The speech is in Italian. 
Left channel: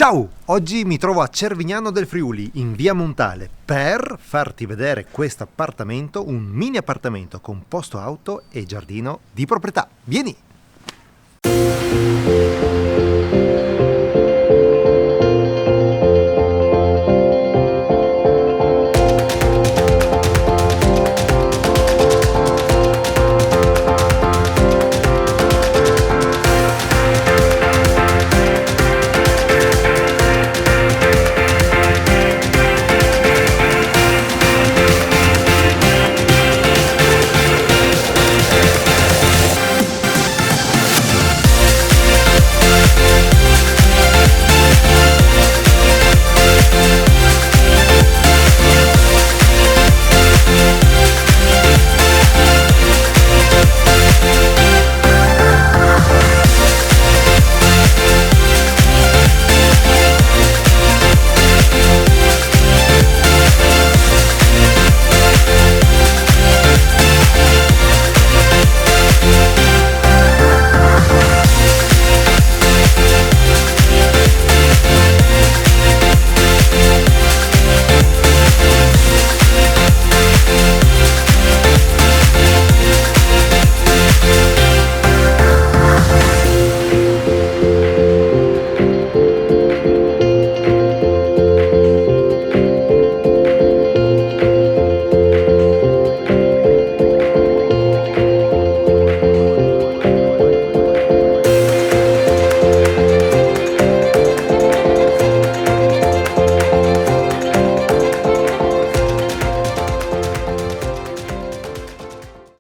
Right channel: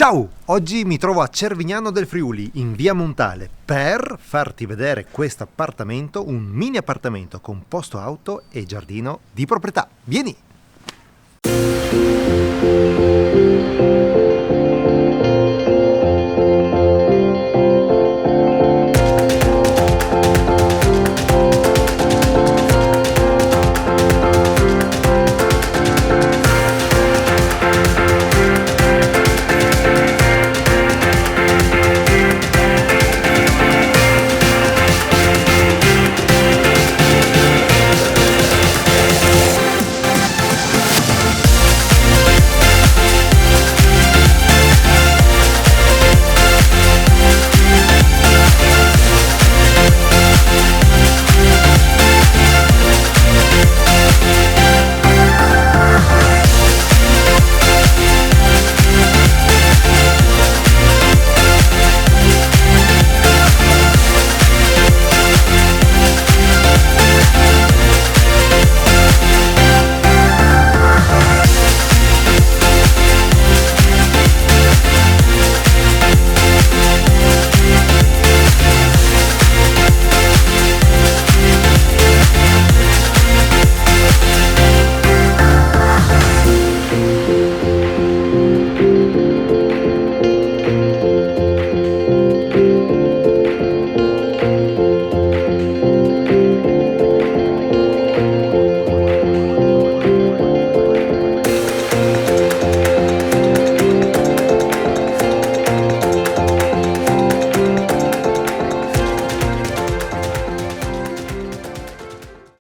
Ciao! Oggi mi trovo a Cervignano del Friuli, in via Montale, per farti vedere questo appartamento, un mini appartamento con posto auto e giardino di proprietà. Vieni!